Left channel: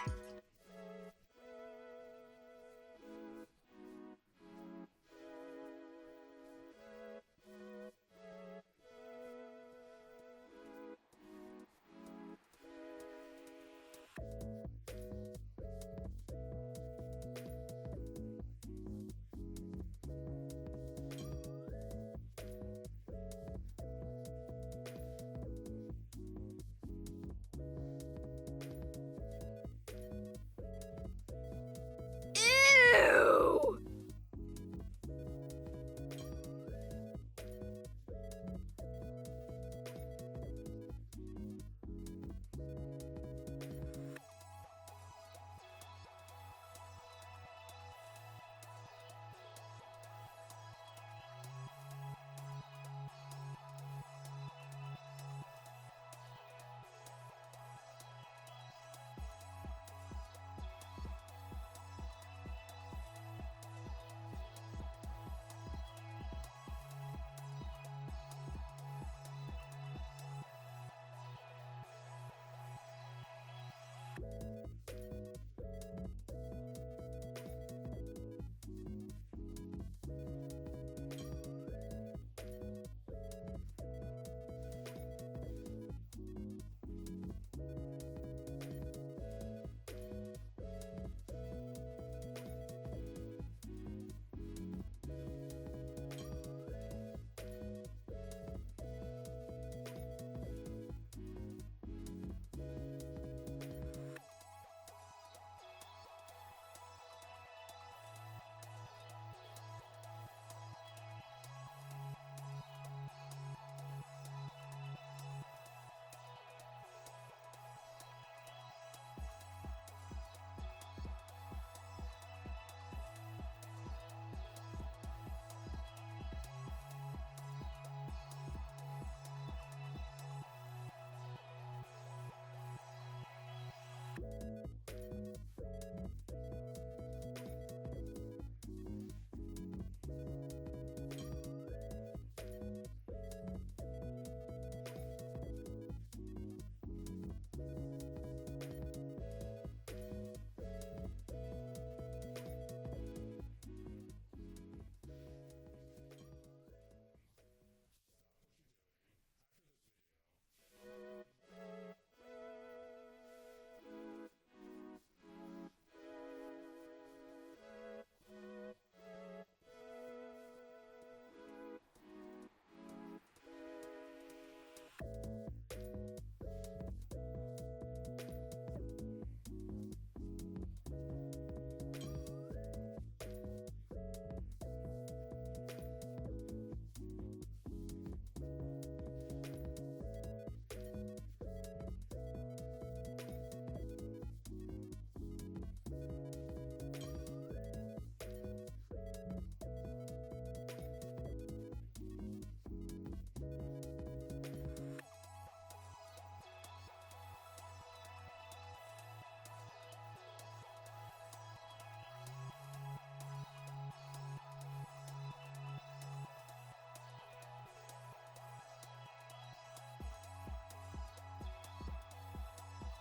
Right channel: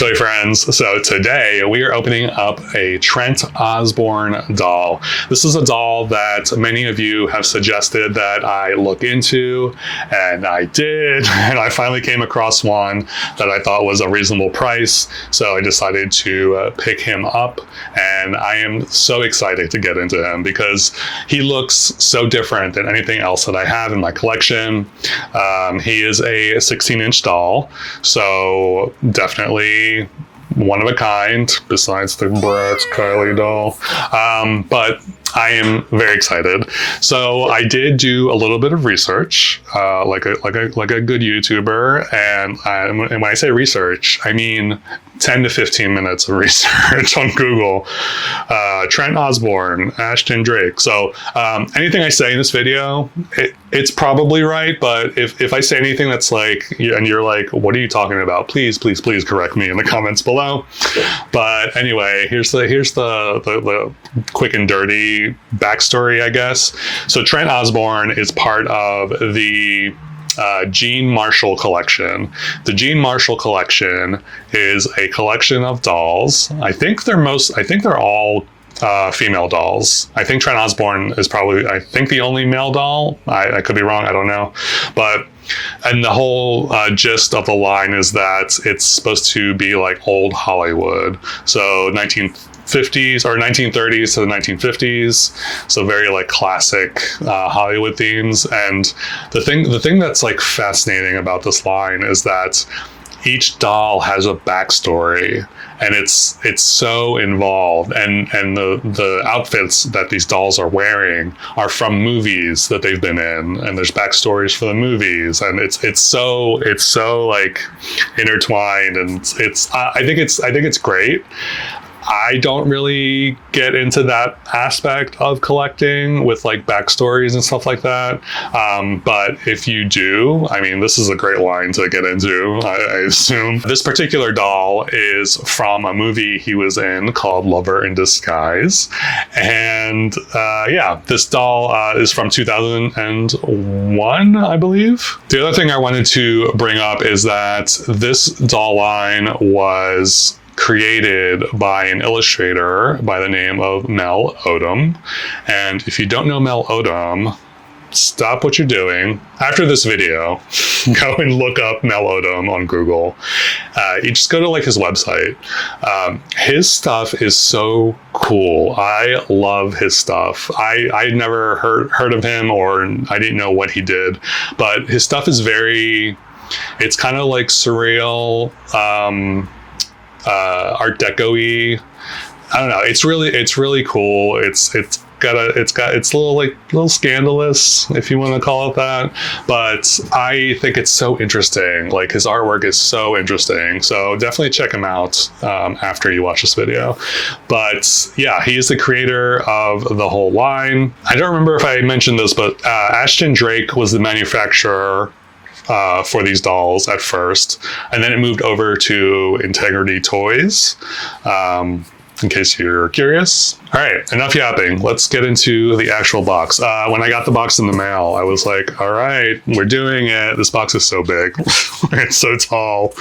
toy friends. So today we are opening up a Trent Osborn doll. This is a doll that many of you have suggested that I look into, and I did, and I finally came across one that I thought was a reasonable price. So I decided to pick him up, and I am so excited to get into him because he looks so different than anything else that I have in my collection. He is a 16-inch doll, so definitely one of a kind, besides the Bratz Kylie doll. But I am very excited. So I did do a little bit of research, like a good YouTuber, and when I say research, I mean 10 to 15 minutes of research on Google. Trent Osborn, Ashton Drake. So anything I say in this video, it's probably right, but if I say anything that's like, and you're like, what are you talking about? Please correct me in the comments below. But anyway, here's the quick and dirty backstory, I guess. So Trent Osborn is part of the Jean Marshall collection. The Jean Marshall collection is a collection of dolls. I think they're all female dolls. I think Trent Osborn is probably, I think, the only male doll. I could be wrong, I don't know. And the whole gist of the line is that it's supposed to be like old Hollywood. So 1950s or 1930s to the 1950s. So very like classic Hollywood themes. And the thing that's like fascinating about this line is that each doll has a backstory, and it's so involved, and the outfits that these dolls are wearing are from movies that they've been in, and there's backstories for the movies, and it's so like intertwined, and I think it's great. I don't really get into that aspect of collecting with like backstories and stuff like that. But if you do, I mean, this is a great line to get into, I assume. This particular doll is from a movie he was in called Lover in Disguise. And yeah, this doll is from 2001, I believe. The other thing I wanted to bring up is that this doll line was created by an illustrator by the name of Mel Odom. And if you don't know Mel Odom, stop what you're doing. After this video, go and look up Mel Odom on Google. You just go to like his website. His stuff is so cool. I love his stuff. I never heard of him, or I didn't know what he did, but his stuff is it's kind of like surreal, Art Deco-y. I don't know. It's really cool. It's a little scandalous, if you want to call it that. But I think it's so interesting. Like, his artwork is so interesting. So definitely check him out after you watch this video. But yeah, he is the creator of the whole line. I don't remember if I mentioned this, but Ashton Drake was the manufacturer for these dolls at first, and then it moved over to Integrity Toys, in case you're curious. All right, enough yapping. Let's get into the actual box. When I got the box in the mail, I was like, all right, we're doing it. This box is so big. It's so tall.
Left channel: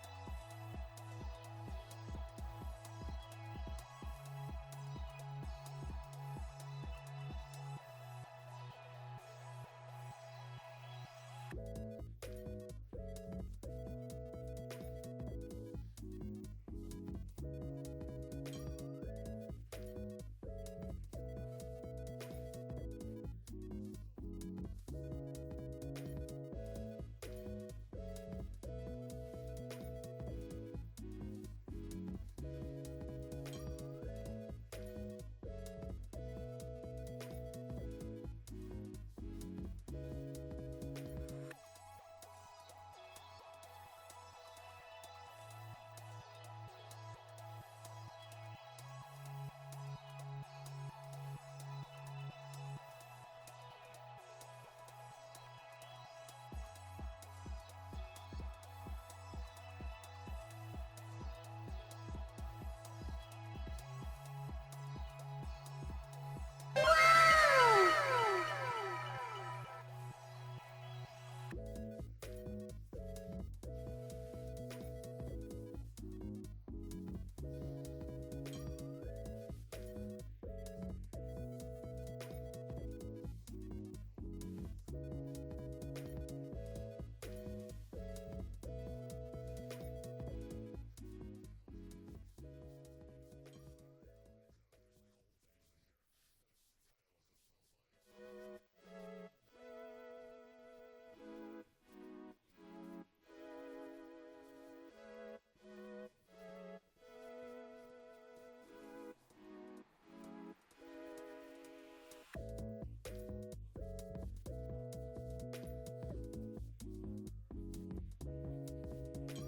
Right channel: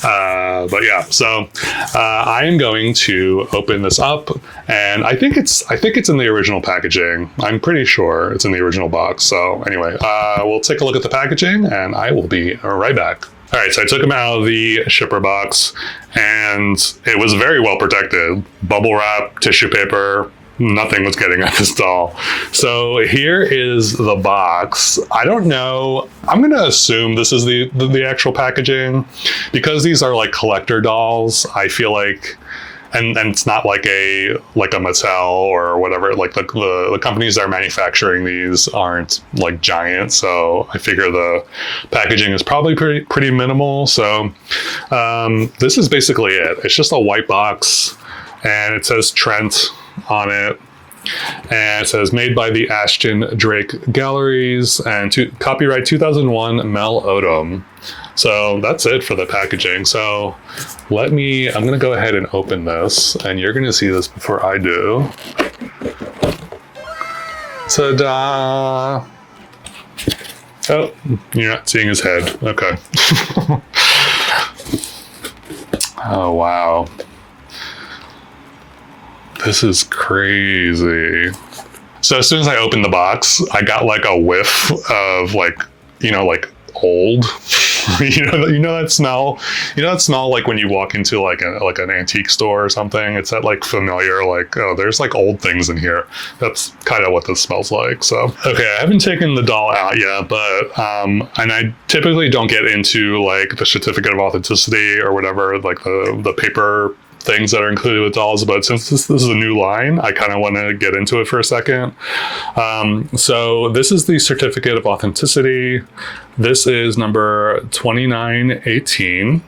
But yeah, so I am going to open this up, and I think it's in the original packaging. I'm pretty sure it's in the original box. So anyway, we'll take a look at the packaging, and I will be right back. All right, so I took them out of the shipper box, and it was very well protected. Bubble wrap, tissue paper, nothing was getting at this doll. So here is the box. I don't know. I'm going to assume this is the actual packaging, because these are like collector dolls. I feel like, and it's not like a Mattel or whatever. Like the companies that are manufacturing these aren't like giant, so I figure the packaging is probably pretty minimal. So this is basically it. It's just a white box, and it says Trent on it, and it says made by the Ashton Drake Galleries and copyright 2001 Mel Odom. So that's it for the packaging. So I'm gonna go ahead and open this, and you're gonna see this before I do. Ta-da! Oh, you're not seeing his head. Okay. Oh, wow. This is crazy. So as soon as I opened the box, I got like a whiff of like, like old. you know that smell. You know that smell like when you walk into like an antique store or something. It's that like familiar like, oh, there's like old things in here. That's kind of what this smells like. So okay, I haven't taken the doll out yet, but and I typically don't get into like the certificate of authenticity or whatever, like the paper things that are included with dolls, but since this is a new line, I kind of want to get into it for a second. So this is the certificate of authenticity. This is number 2918.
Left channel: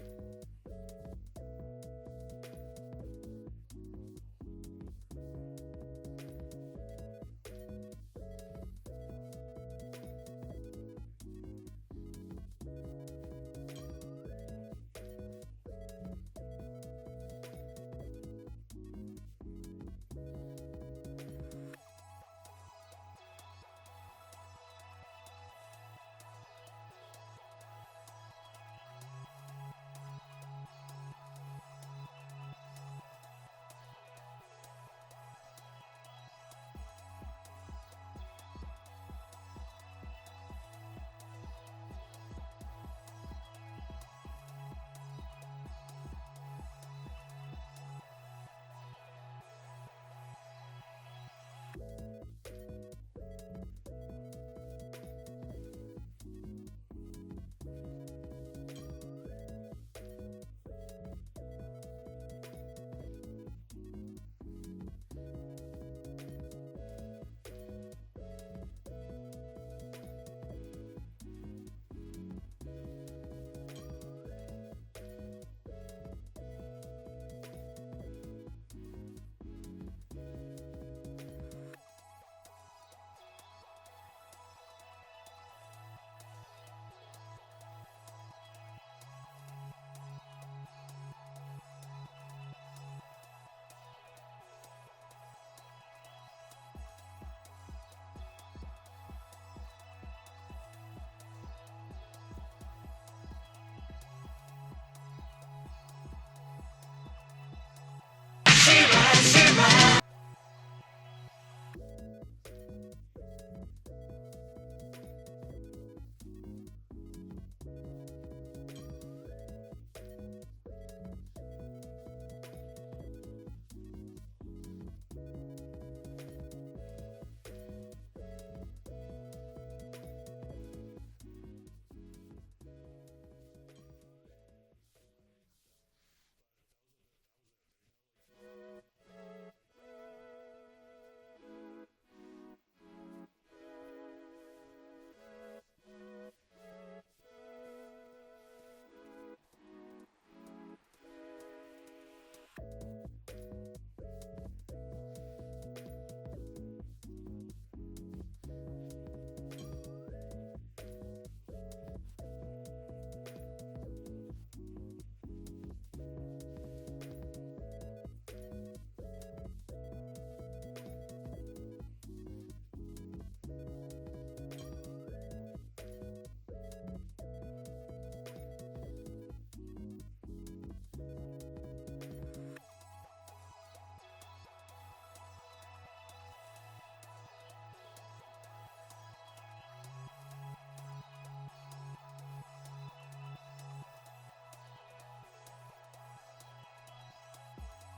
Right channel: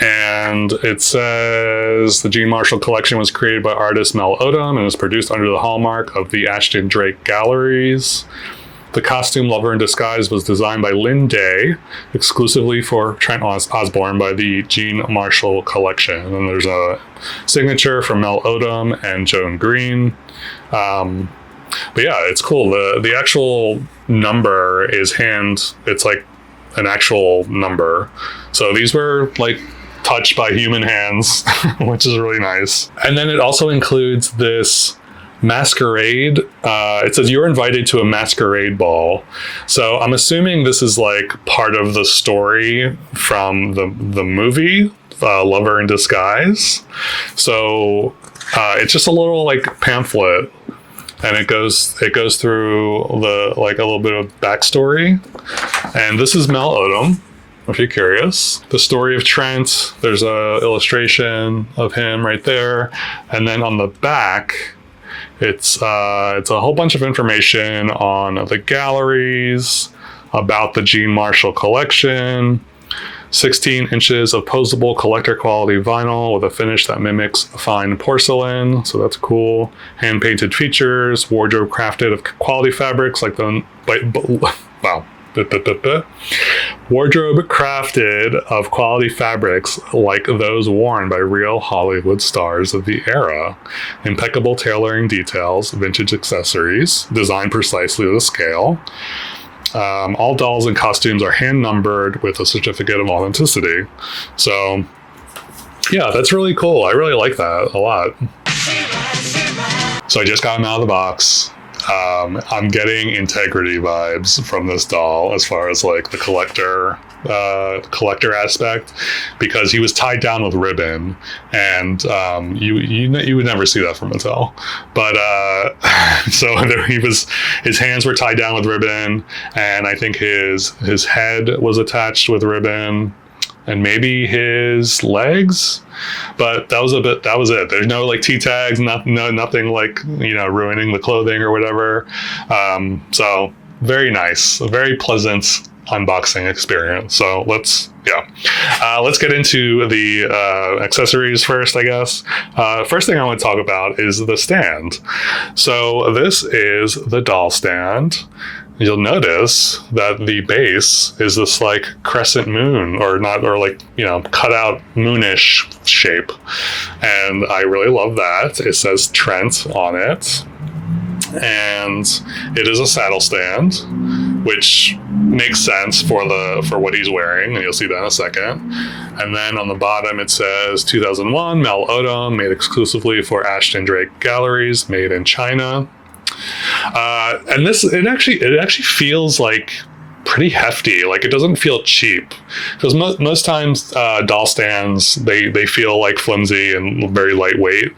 And it says the Jean Marshall collection was created by artist Mel Odom and is produced under the hallmark of the Ashton Drake Galleries. The costume Lover in Disguise was designed by Lynn Day, exclusively for Trent Osborn by the Jean Marshall collection. And there's a signature from Mel Odom and Joan Green. But yeah, it's cool. The actual number is it's like an actual number. So these were like touched by human hands, which is really nice. And then it also includes this masquerade. It says you're invited to a masquerade ball. So I'm assuming this is like part of the story from the movie Lover in Disguise. So it's just a little like pamphlet, and it goes through the like a little bit of backstory. And this is Mel Odom, if you're curious. The story of Trent. There's a illustration of him right there, and then on the back, it's a whole bunch of information on the galleries, about the Jean Marshall collection, 16 inches of posable collector quality vinyl with a finish that mimics fine porcelain. So that's cool. Hand painted features, wardrobe crafted of quality fabrics like wow. Wardrobe crafted of quality fabrics like those worn by real Hollywood stars of the era. Impeccable tailoring details, vintage accessories, designed precisely to scale. All dolls and costumes are hand numbered with a certificate of authenticity. So yeah, that's really cool. I really like that a lot. So I just got them out of the box. I'm getting integrity vibes from this doll as far as like the collector aspect, because he was tied down with ribbon, and you would never see that from Mattel. But so his hands were tied down with ribbon, and I think his head was attached with ribbon, and maybe his legs. But that was it. There's no like T-tags, nothing like, ruining the clothing or whatever. So very nice, a very pleasant unboxing experience. So let's get into the accessories first, I guess. First thing I want to talk about is the stand. So this is the doll stand. You'll notice that the base is this like crescent moon, or cut out moonish shape. And I really love that. It says Trent on it. And it is a saddle stand, which makes sense for what he's wearing, and you'll see that in a second. And then on the bottom it says 2001 Mel Odom, made exclusively for Ashton Drake Galleries, made in China. And it actually feels like pretty hefty. Like, it doesn't feel cheap, because most times doll stands, they feel like flimsy and very lightweight.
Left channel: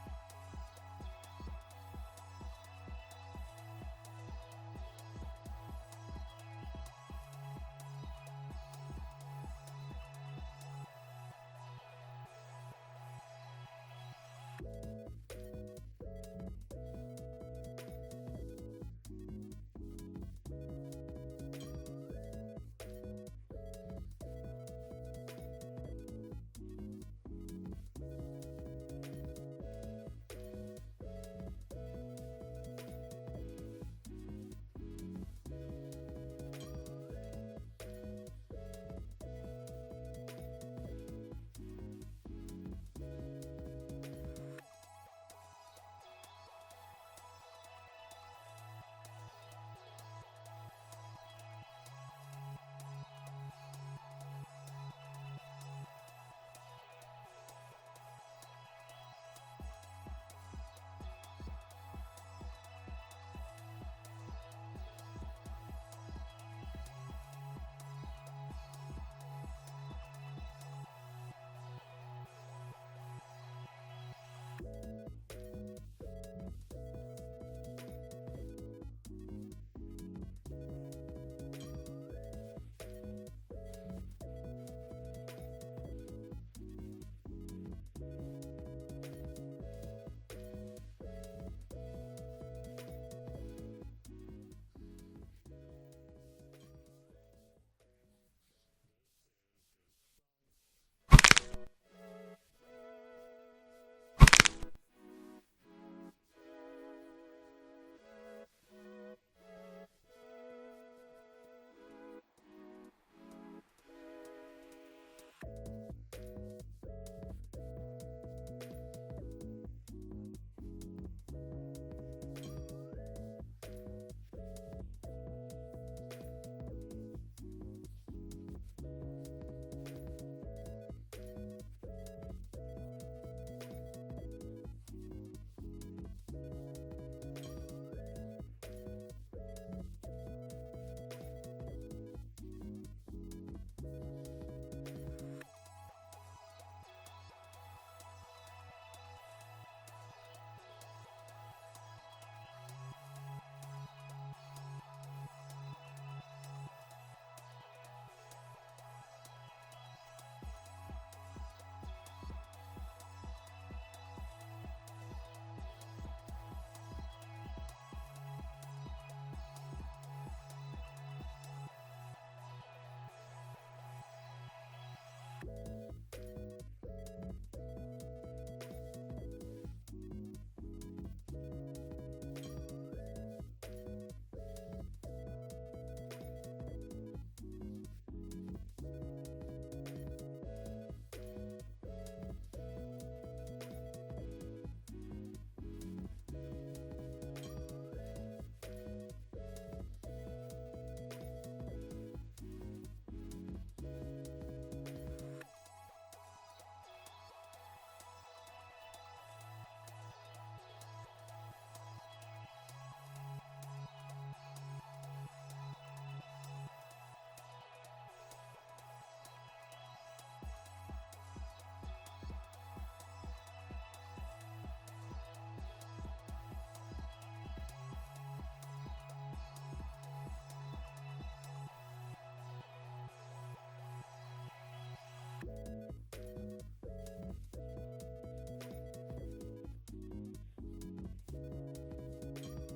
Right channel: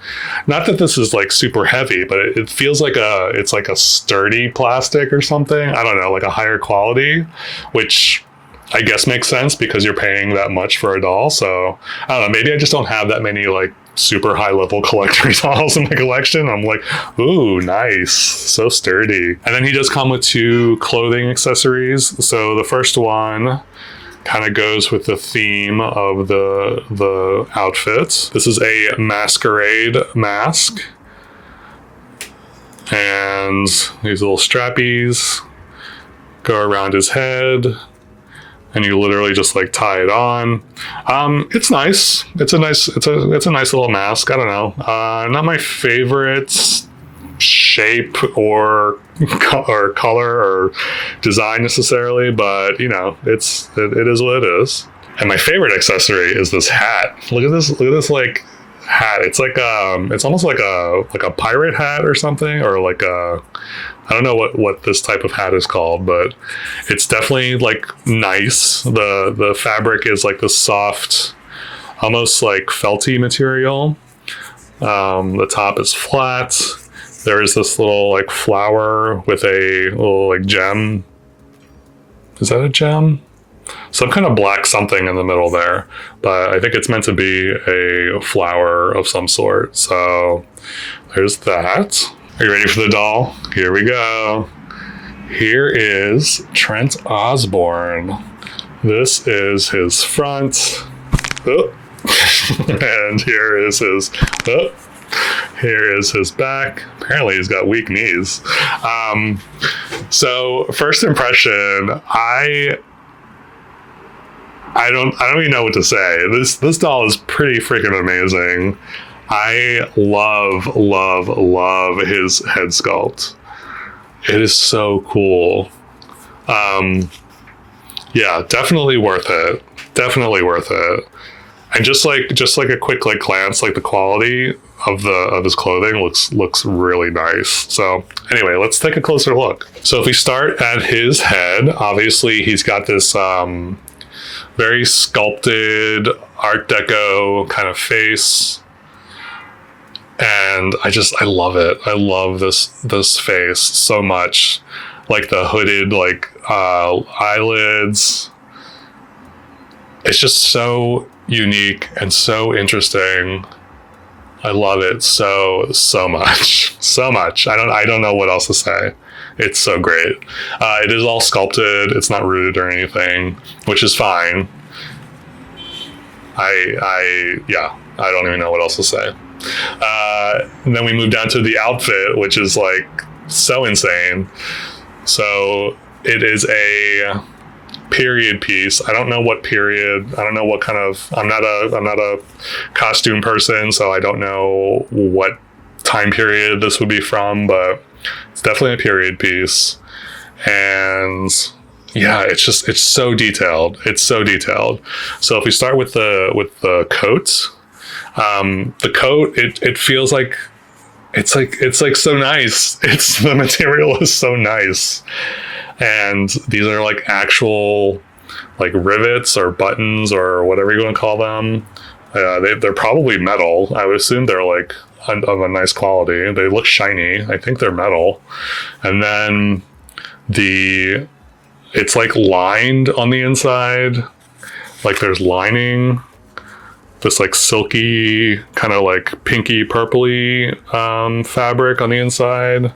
Not that this is like super heavy, but it feels like it's like a sturdy plastic or something. I don't know, like a higher quality, which I guess makes sense because you're paying that much for a doll. So I don't know, maybe I just don't have that many like super high level collector dolls in my collection. I'm like, ooh, nice, so sturdy. And then he does come with 2 clothing accessories. So the first one kind of goes with the theme of the outfit. This is a masquerade mask, and these little strappies go around his head, and you literally just like tie it on. It's nice. It's a nice little mask. I don't know. Not my favorite shape or color or design necessarily, but it is what it is. And my favorite accessory is this hat. Look at this like hat. It's like it's almost like a pirate hat or something, or like a, I don't know what this type of hat is called, but it's definitely like nice. The fabric is like this soft, almost like felty material. The top is flat. There is this little like flower with a little like gem. Is that a gem? Some kind of black something in the middle there, but I think it's meant to be a flower of some sort. So there's that. Are you ready for the doll? Here we go. Here is Trent Osborn. This is his front. Oh. And here is his here is his back. Apparently he's got weak knees. So first impression, I don't even know what to say. This doll is pretty freaking amazing. I love his head sculpt. It is so cool. Yeah, definitely worth it. Definitely worth it. And just like a quick like glance, like the quality of his clothing looks really nice. So anyway, let's take a closer look. So if we start at his head, obviously he's got this very sculpted Art Deco kind of face. And I love it. I love this face so much. Like the hooded like eyelids. It's just so unique and so interesting. I love it so much. So much. I don't know what else to say. It's so great. It is all sculpted. It's not rooted or anything, which is fine. I don't even know what else to say. And then we move down to the outfit, which is like so insane. So it is a period piece. I don't know what period. I don't know what kind of. I'm not a costume person, so I don't know what time period this would be from. But it's definitely a period piece, and yeah, it's so detailed. It's so detailed. So if we start with the coat. The coat, it feels like it's like so nice. The material is so nice. And these are like actual like rivets or buttons or whatever you want to call them. They're probably metal. I would assume they're like of a nice quality. They look shiny. I think they're metal. And then it's like lined on the inside. Like there's lining. This like silky kind of like pinky purpley fabric on the inside.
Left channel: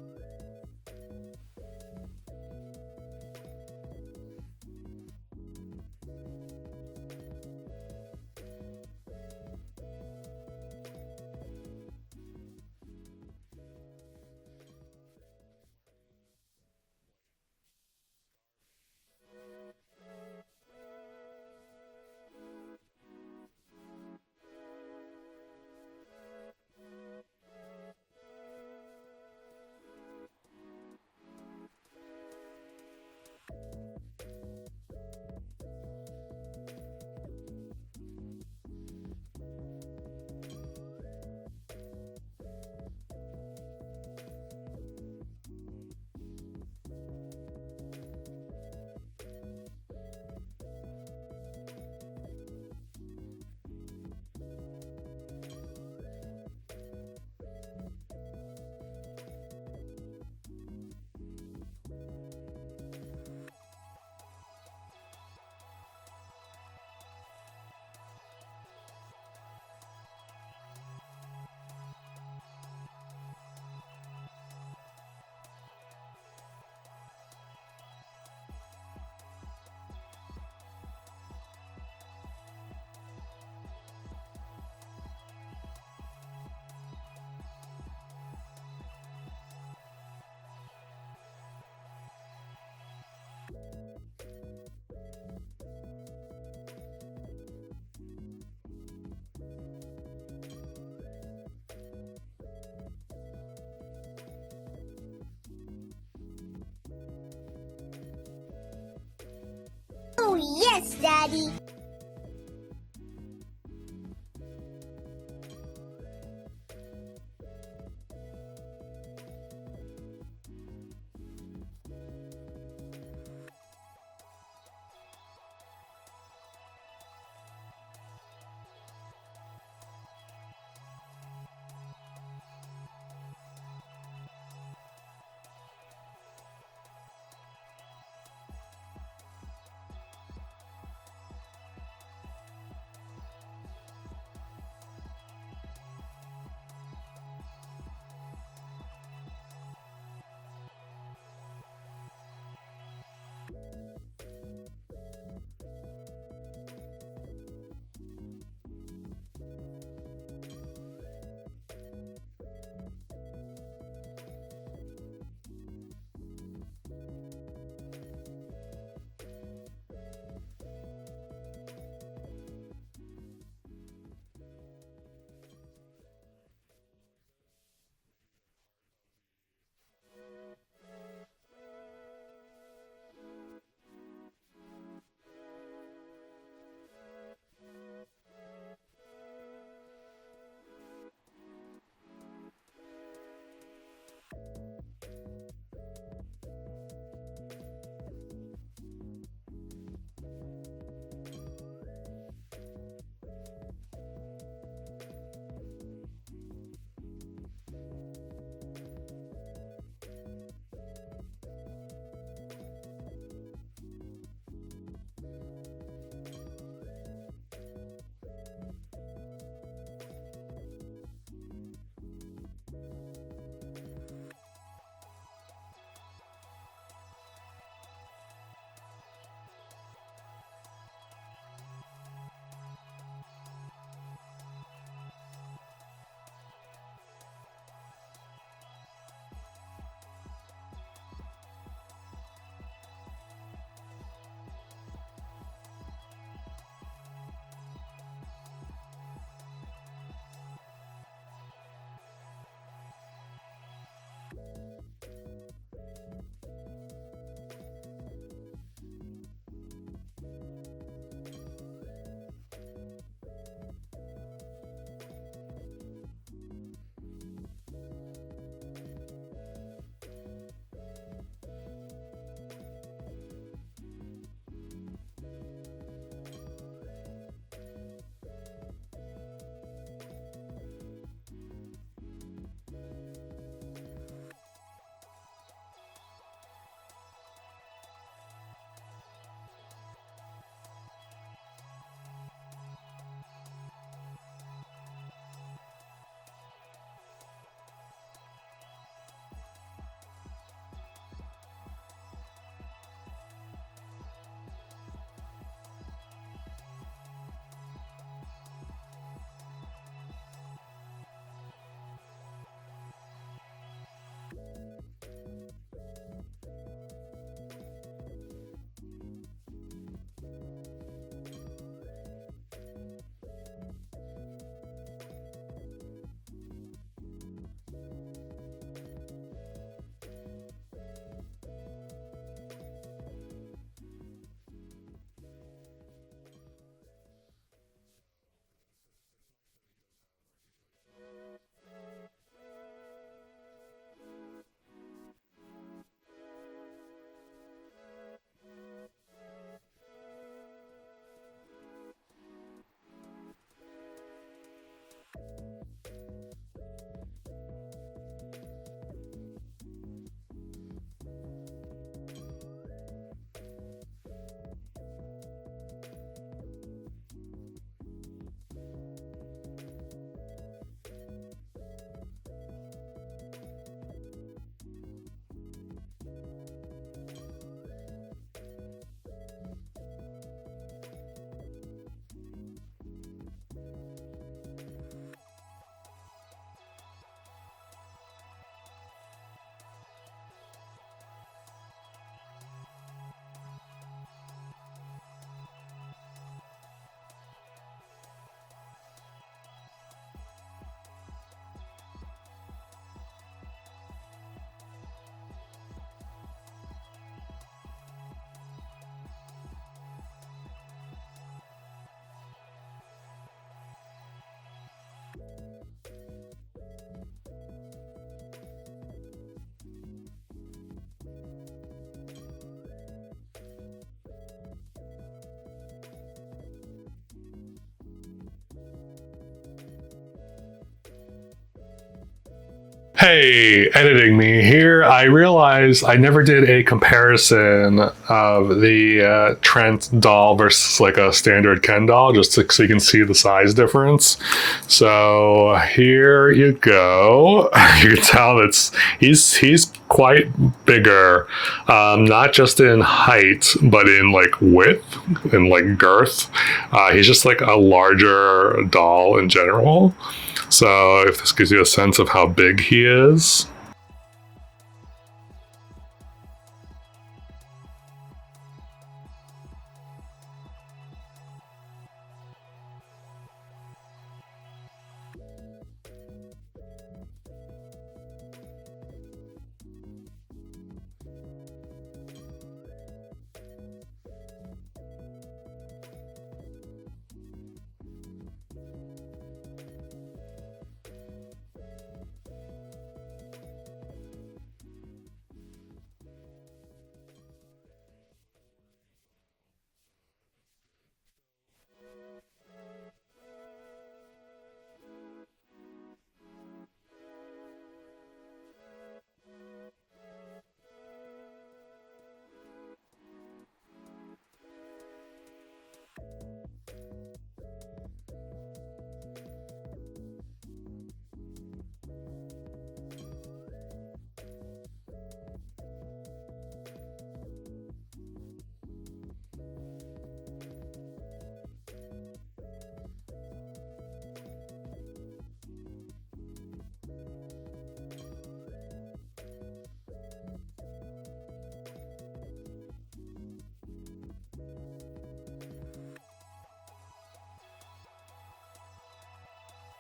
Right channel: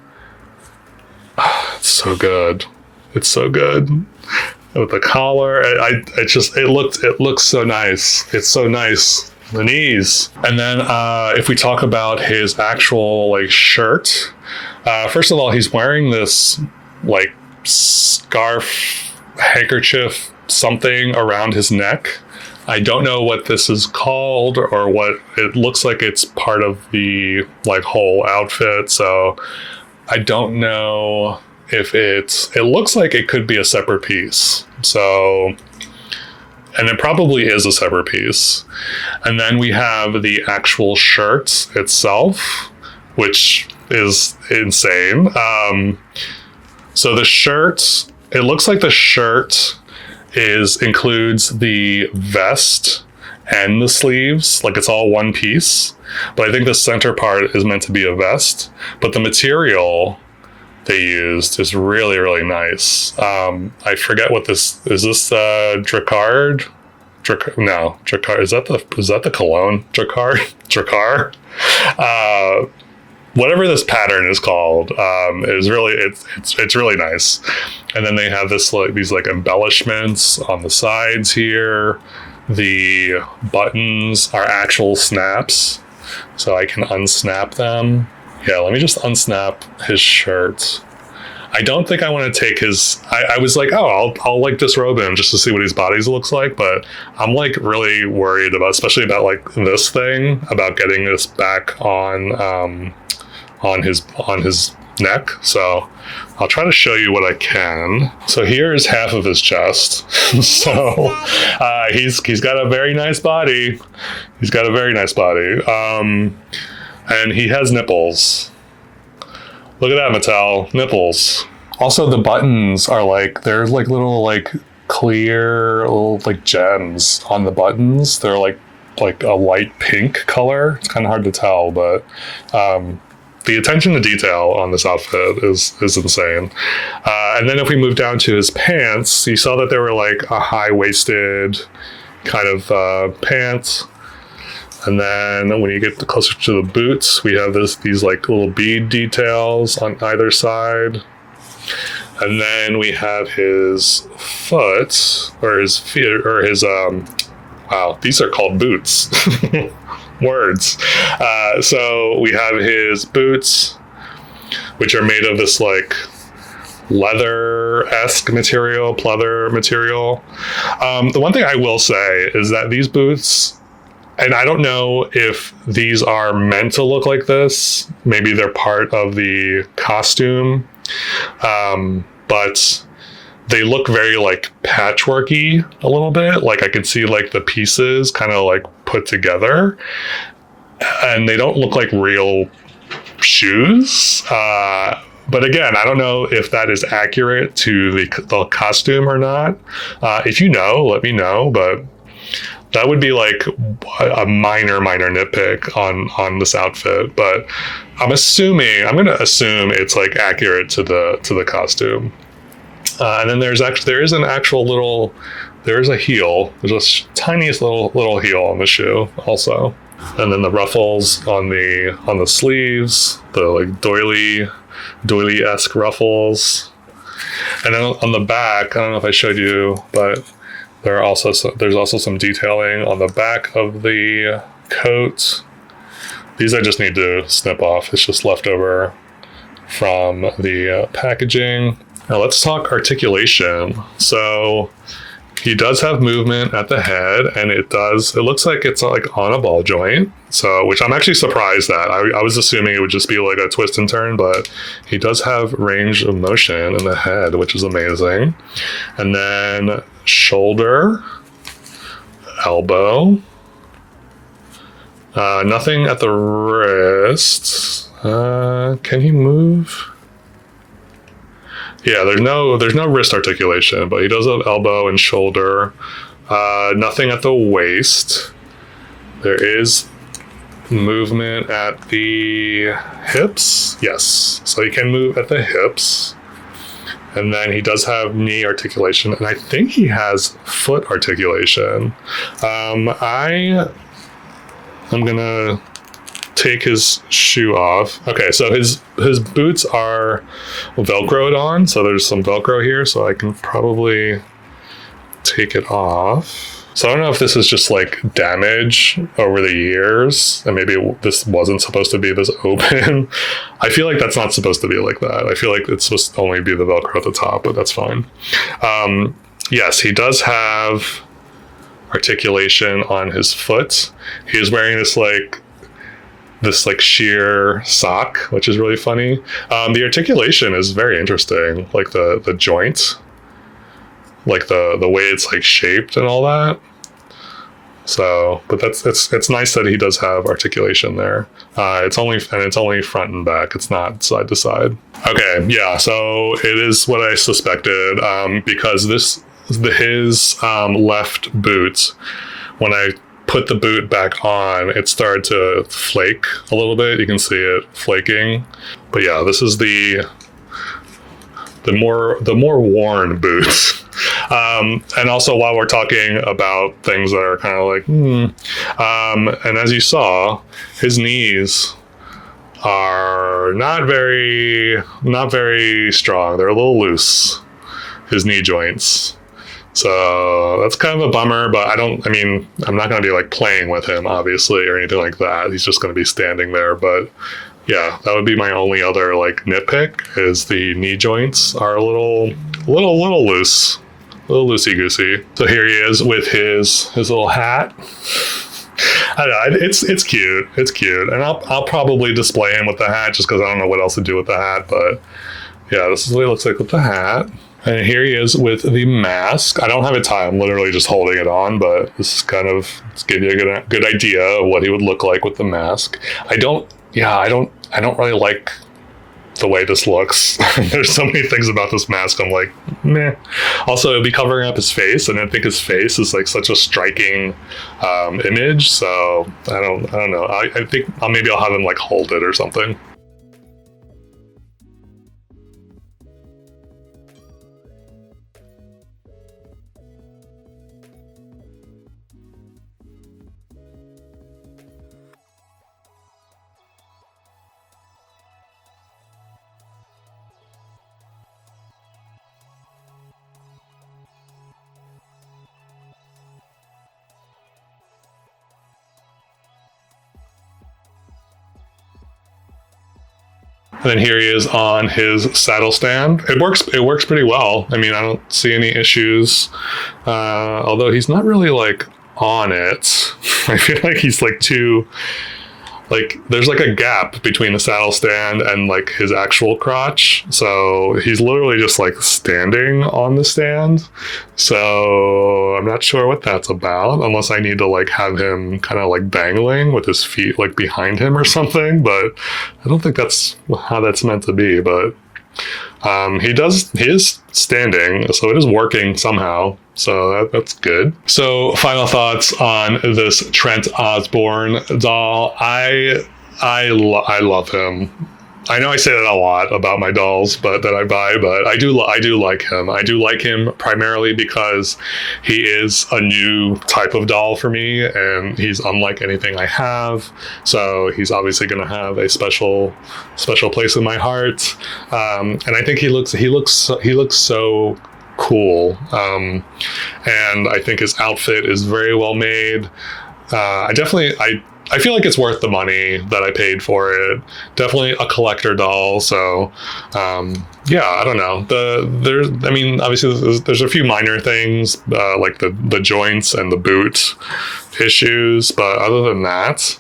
It's so good. It's so good. With the collar, it looks so nice. It's so nice. The knees. And then if we talk about his actual like shirt, first of all, he's wearing this like scarf, handkerchief, something around his neck. I don't know what this is called or what it looks like. It's part of the like whole outfit. So I don't know if it looks like it could be a separate piece. So, and it probably is a separate piece. And then we have the actual shirt itself, which is insane. So the shirt, it looks like the shirt includes the vest and the sleeves, like it's all one piece. But I think the center part is meant to be a vest. But the material they used is really, really nice. I forget what this is. This Dracard? No, Dracard. Is that the cologne? Dracar. Whatever this pattern is called, is really it's really nice. And then they have these like embellishments on the sides here. The buttons are actual snaps, so I can unsnap them. Yeah, let me just unsnap his shirt. I don't think I want to take his. I was like, oh, I'll like disrobe him just to see what his body looks like, but I'm like really worried about, especially about like this thing, about getting this back on his neck. So I'll try to show you what I can. So here is half of his chest. So he's got a very nice body. He's got a very nice body. And he has nipples. Look at that, Mattel. Nipples. Also, the buttons are like, there's like little like clear little like gems on the buttons. They're like a light pink color. It's kind of hard to tell, but the attention to detail on this outfit is insane. And then if we move down to his pants, you saw that they were like a high-waisted kind of pants. And then when you get closer to the boots, we have these like little bead details on either side. And then we have his foot, or his feet, or his, wow, these are called boots. Words. So we have his boots, which are made of this like leather-esque material, pleather material. The one thing I will say is that these boots, and I don't know if these are meant to look like this, maybe they're part of the costume, but they look very like patchworky a little bit. Like I could see like the pieces kind of like put together, and they don't look like real shoes. But again, I don't know if that is accurate to the costume or not. If you know, let me know, but that would be like a minor nitpick on this outfit. But I'm going to assume it's like accurate to the costume. And then there is a heel. There's a tiniest little heel on the shoe also. And then the ruffles on the sleeves, the like doily-esque ruffles. And then on the back, I don't know if I showed you, but there's also some detailing on the back of the coat. These I just need to snip off. It's just leftover from the packaging. Now let's talk articulation. So he does have movement at the head, and it looks like it's like on a ball joint. So, which I'm actually surprised at. I was assuming it would just be like a twist and turn, but he does have range of motion in the head, which is amazing. And then shoulder, elbow, nothing at the wrist. Can he move? Yeah, there's no wrist articulation, but he does have elbow and shoulder. Nothing at the waist. There is movement at the hips. Yes, so he can move at the hips. And then he does have knee articulation, and I think he has foot articulation. I'm gonna take his shoe off. Okay, so his boots are Velcroed on, so there's some Velcro here, so I can probably take it off. So I don't know if this is just like damage over the years, and maybe this wasn't supposed to be this open. I feel like that's not supposed to be like that. I feel like it's supposed to only be the Velcro at the top, but that's fine. Yes, he does have articulation on his foot. He's wearing this sheer sock, which is really funny. The articulation is very interesting, like the joint, like the way it's like shaped and all that. So, but it's nice that he does have articulation there. It's only front and back. It's not side to side. Okay, yeah. So it is what I suspected, because his left boot, when I put the boot back on, it started to flake a little bit. You can see it flaking. But yeah, this is the more worn boots. And also, while we're talking about things that are kind of like, and as you saw, his knees are not very strong. They're a little loose, his knee joints. So that's kind of a bummer, but I'm not going to be like playing with him, obviously, or anything like that. He's just going to be standing there. But yeah, that would be my only other like nitpick, is the knee joints are a little loose, a little loosey-goosey. So here he is with his little hat. I don't know, it's cute. It's cute. And I'll probably display him with the hat just because I don't know what else to do with the hat, but Yeah, this is what he looks like with the hat. And here he is with the mask. I don't have it tied. I'm literally just holding it on, but this is kind of, let's give you a good idea of what he would look like with the mask. I don't really like the way this looks. There's so many things about this mask I'm like, meh. Also, it'll be covering up his face, and I think his face is like such a striking image. So I don't know. I think maybe I'll have him like hold it or something. Hey, editing me here. I realized I never did a comparison of the Trent doll versus like a standard Ken doll, just so you can see the size difference. So here you go. You can tell he's quite bigger, not just in height, but in like width and like girth. He's just like a larger doll in general. So if this gives you a sense of how big he is. And then here he is on his saddle stand. It works pretty well. I mean, I don't see any issues. Although he's not really like on it. I feel like he's like too, like there's like a gap between the saddle stand and like his actual crotch. So he's literally just like standing on the stand. So I'm not sure what that's about, unless I need to like have him kind of like dangling with his feet like behind him or something. But I don't think that's how that's meant to be. But he is standing, so it is working somehow. So that's good. So final thoughts on this Trent Osborn doll. I love him. I know I say that a lot about my dolls, but that I buy, but I do like him. I do like him primarily because he is a new type of doll for me, and he's unlike anything I have. So he's obviously going to have a special place in my heart. And I think he looks so cool. And I think his outfit is very well made. I feel like it's worth the money that I paid for it. Definitely a collector doll. So, yeah, I don't know. Obviously there's a few minor things, like the joints and the boot issues. But other than that,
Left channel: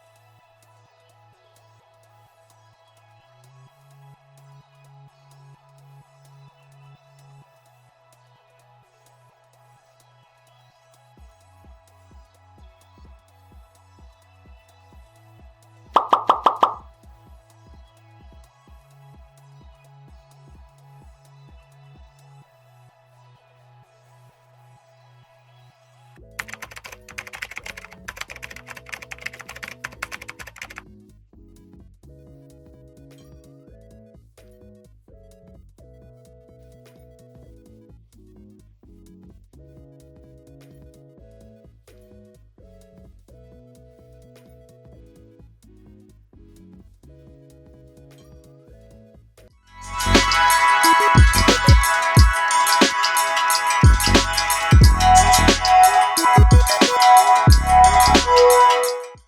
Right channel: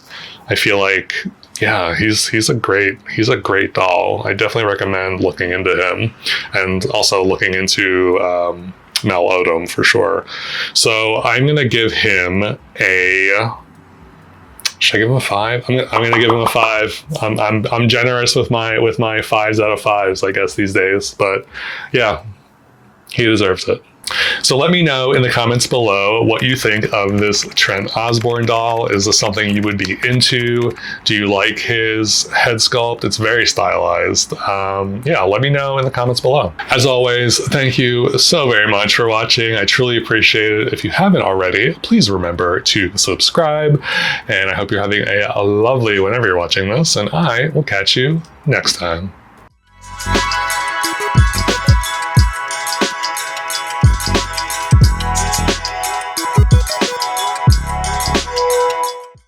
I feel like, yeah, he's a great doll. I definitely recommend looking into him, and also looking into Malodom for sure. So I'm gonna give him a. Should I give him a 5? I'm gonna give him a 5. I'm generous with my 5s out of 5s, I guess, these days. But yeah, he deserves it. So let me know in the comments below what you think of this Trent Osborn doll. Is this something you would be into? Do you like his head sculpt? It's very stylized. Yeah, let me know in the comments below. As always, thank you so very much for watching. I truly appreciate it. If you haven't already, please remember to subscribe. And I hope you're having a lovely whenever you're watching this, and I will catch you next time.